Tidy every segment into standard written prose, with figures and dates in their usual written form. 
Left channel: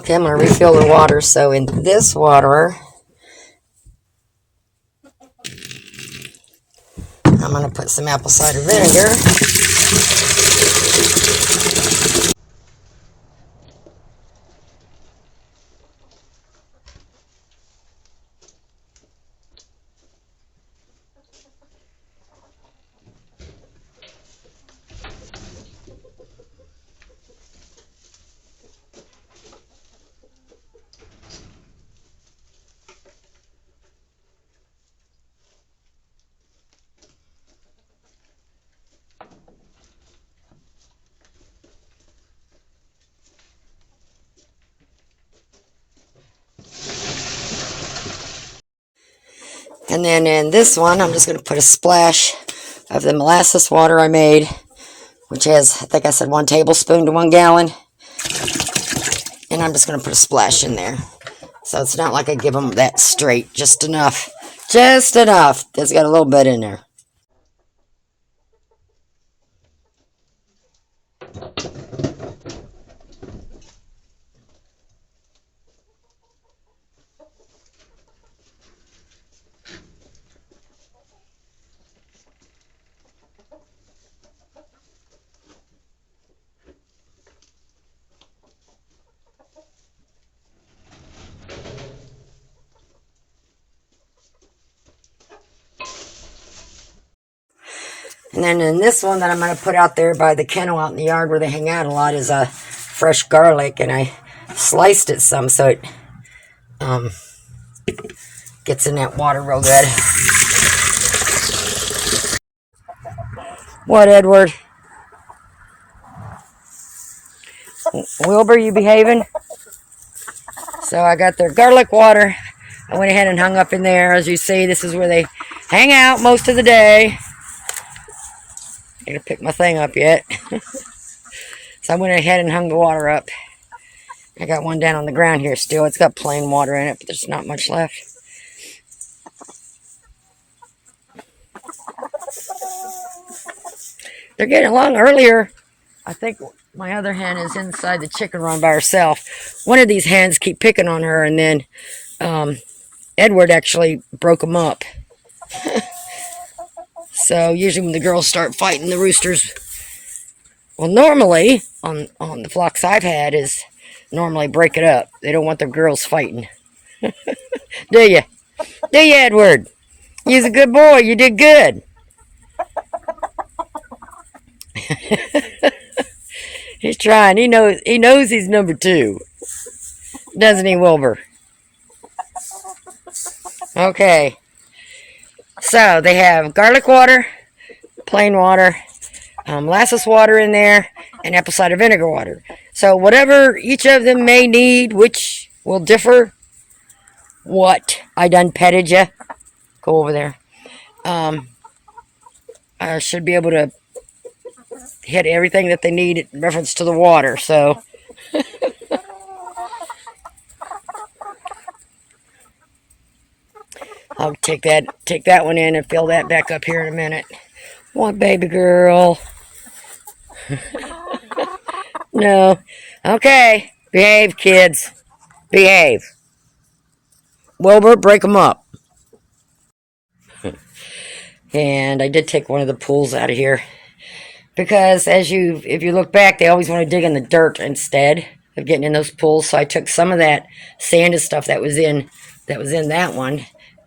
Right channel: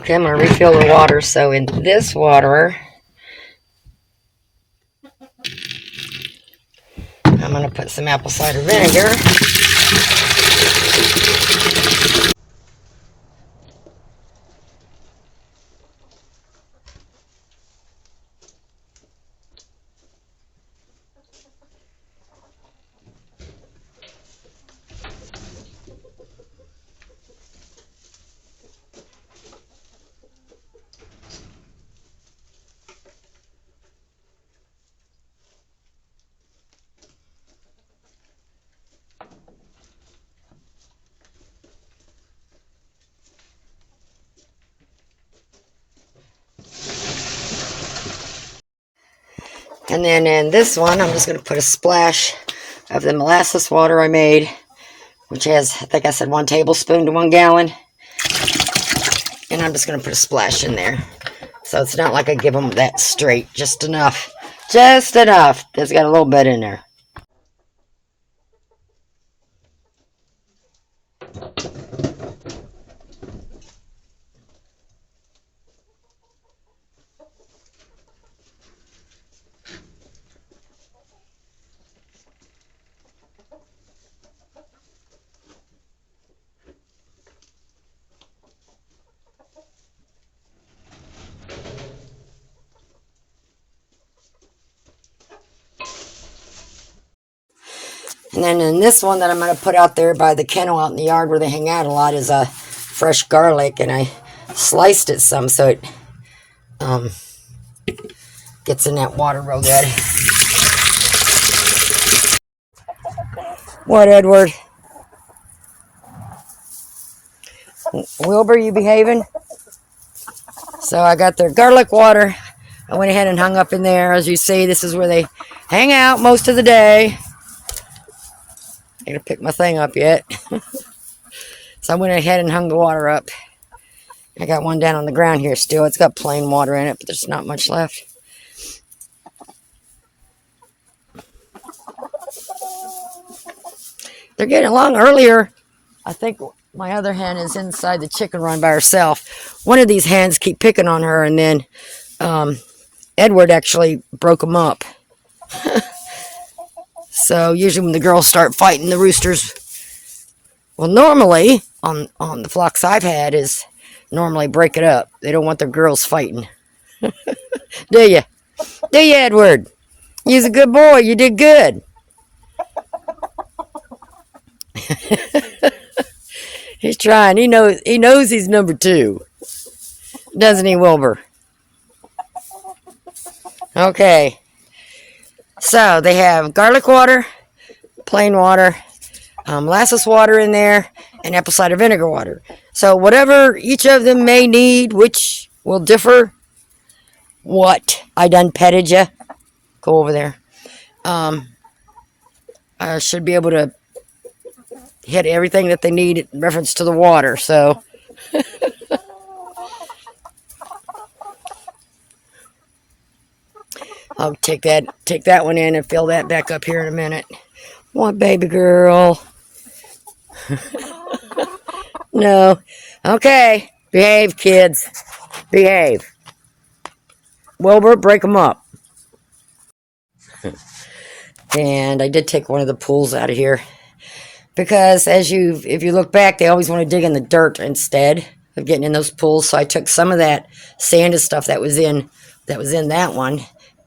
Okay, I'm going to refill the water. So in this water, I'm going to put some apple cider vinegar. And then in this one, I'm just going to put a splash of the molasses water I made, which has, I think I said 1 tablespoon to 1 gallon. And I'm just going to put a splash in there. So it's not like I give them that straight, just enough. Just enough. It's got a little bit in there. And then in this one that I'm going to put out there by the kennel out in the yard where they hang out a lot is a fresh garlic. And I sliced it some so it gets in that water real good. What, Edward? Wilbur, you behaving? So I got their garlic water. I went ahead and hung up in there. As you see, this is where they hang out most of the day. I gotta pick my thing up yet. So I went ahead and hung the water up. I got one down on the ground here still. It's got plain water in it, but there's not much left. They're getting along earlier. I think my other hen is inside the chicken run by herself. One of these hens keep picking on her, and then Edward actually broke them up. So usually when the girls start fighting, the roosters, well, normally on the flocks I've had is normally break it up. They don't want their girls fighting. Do you? Do you, Edward? You're a good boy. You did good. He's trying. He knows he's number 2. Doesn't he, Wilbur? Okay. So they have garlic water, plain water, molasses water in there, and apple cider vinegar water. So whatever each of them may need, which will differ. What? I done petted you. Go over there. I should be able to hit everything that they need in reference to the water. So I'll take that one in and fill that back up here in a minute. What, baby girl? No. Okay. Behave, kids. Behave. Wilbur, break them up. And I did take one of the pools out of here. Because if you look back, they always want to dig in the dirt instead of getting in those pools. So I took some of that sanded stuff that was in that one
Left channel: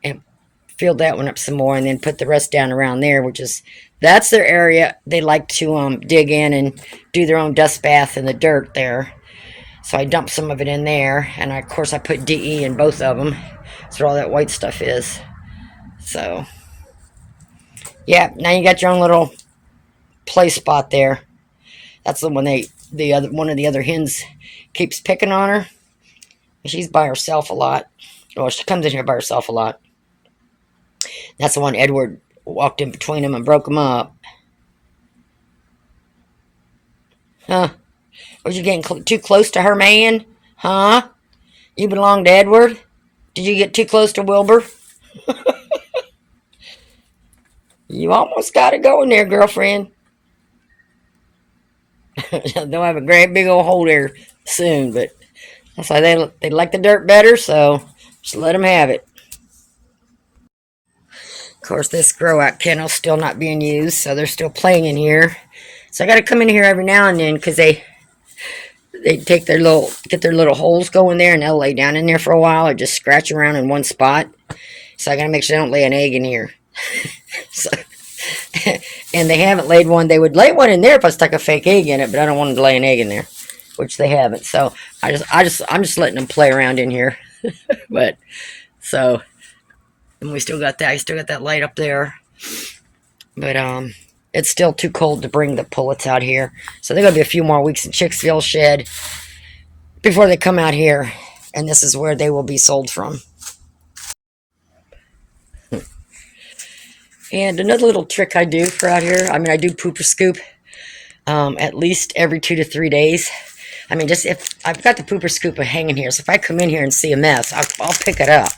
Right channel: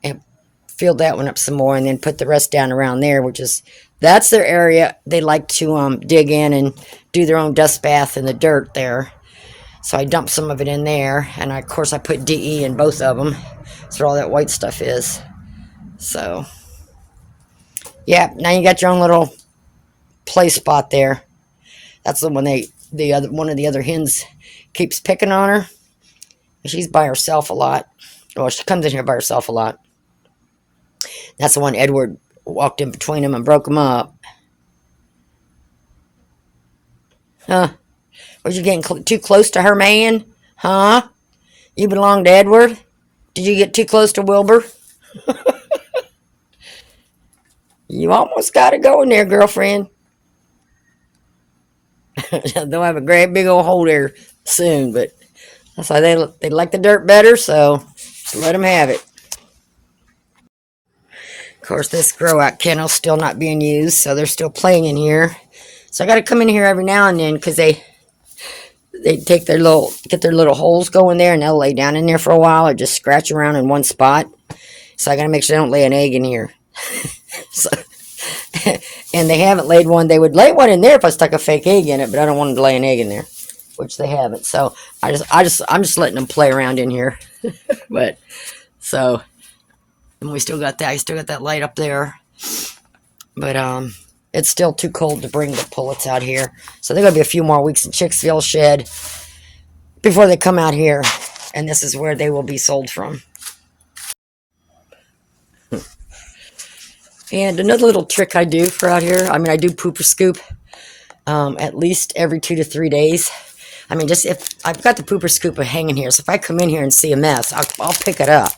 and filled that one up some more, and then put the rest down around there, that's their area. They like to dig in and do their own dust bath in the dirt there. So I dumped some of it in there, and of course I put DE in both of them. That's what all that white stuff is. So yeah, now you got your own little play spot there. That's the one one of the other hens keeps picking on her. She's by herself a lot. Well, she comes in here by herself a lot. That's the one Edward walked in between them and broke them up. Huh? Was you getting too close to her man? Huh? You belong to Edward? Did you get too close to Wilbur? You almost got it going there, girlfriend. They'll have a great big old hole there soon, but That's why they like the dirt better, so just let them have it. Of course, this grow-out kennel's still not being used, so they're still playing in here. So I got to come in here every now and then because they take their get their little holes going there, and they'll lay down in there for a while or just scratch around in one spot. So I got to make sure they don't lay an egg in here. So, and they haven't laid one. They would lay one in there if I stuck a fake egg in it, but I don't want them to lay an egg in there, which they haven't. So I'm just letting them play around in here. But so. And we still got that. I still got that light up there. But it's still too cold to bring the pullets out here. So they're going to be a few more weeks in Chicksville shed before they come out here. And this is where they will be sold from. And another little trick I do for out here. I mean, I do pooper scoop at least every 2 to 3 days. I mean, just if I've got the pooper scooper hanging here. So if I come in here and see a mess, I'll pick it up.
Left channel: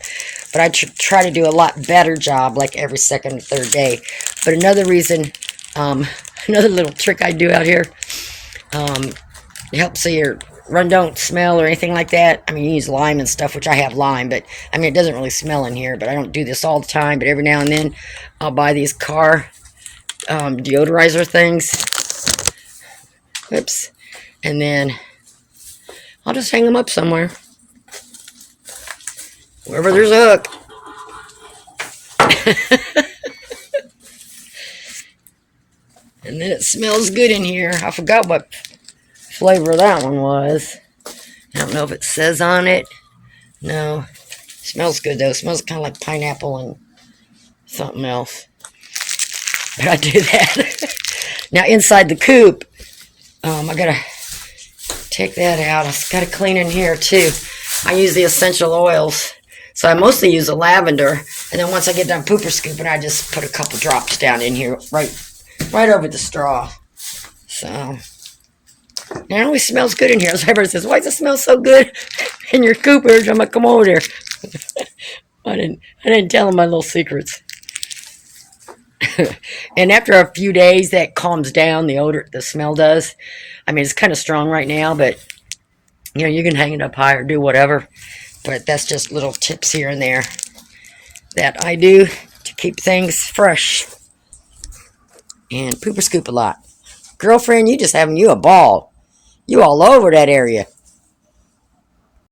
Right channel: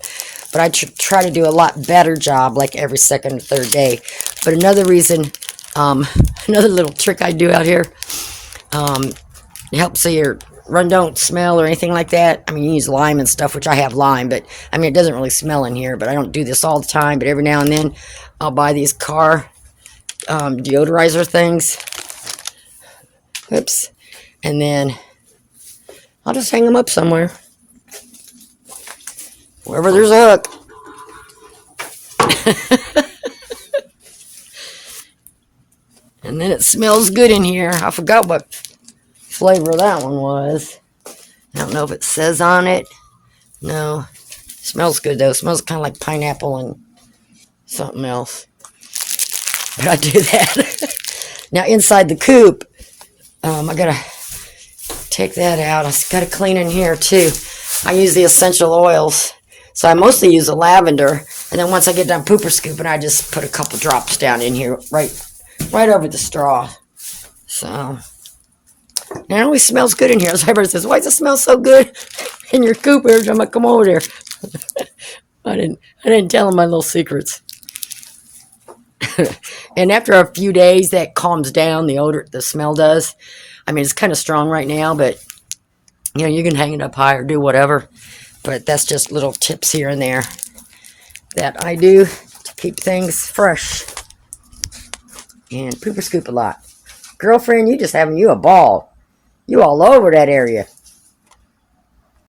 But I try to do a lot better job, like every second or third day. But another reason, another little trick I do out here, it helps so your run don't smell or anything like that. I mean, you use lime and stuff, which I have lime, but I mean, it doesn't really smell in here. But I don't do this all the time. But every now and then, I'll buy these car deodorizer things. Oops. And then I'll just hang them up somewhere. Wherever there's a hook. And then it smells good in here. I forgot what flavor that one was. I don't know if it says on it. No. Smells good though. It smells kind of like pineapple and something else. But I do that. Now inside the coop, I gotta take that out. I gotta clean in here too. I use the essential oils. So I mostly use the lavender, and then once I get done pooper scooping, I just put a couple drops down in here, right over the straw. So, and it always smells good in here. So everybody says, "Why does it smell so good in your coopers?" I'm like, "Come over here." I didn't tell them my little secrets. And after a few days, that calms down. The odor, the smell does. I mean, it's kind of strong right now, but you know, you can hang it up high or do whatever. But that's just little tips here and there that I do to keep things fresh. And pooper scoop a lot. Girlfriend, you just having you a ball. You all over that area.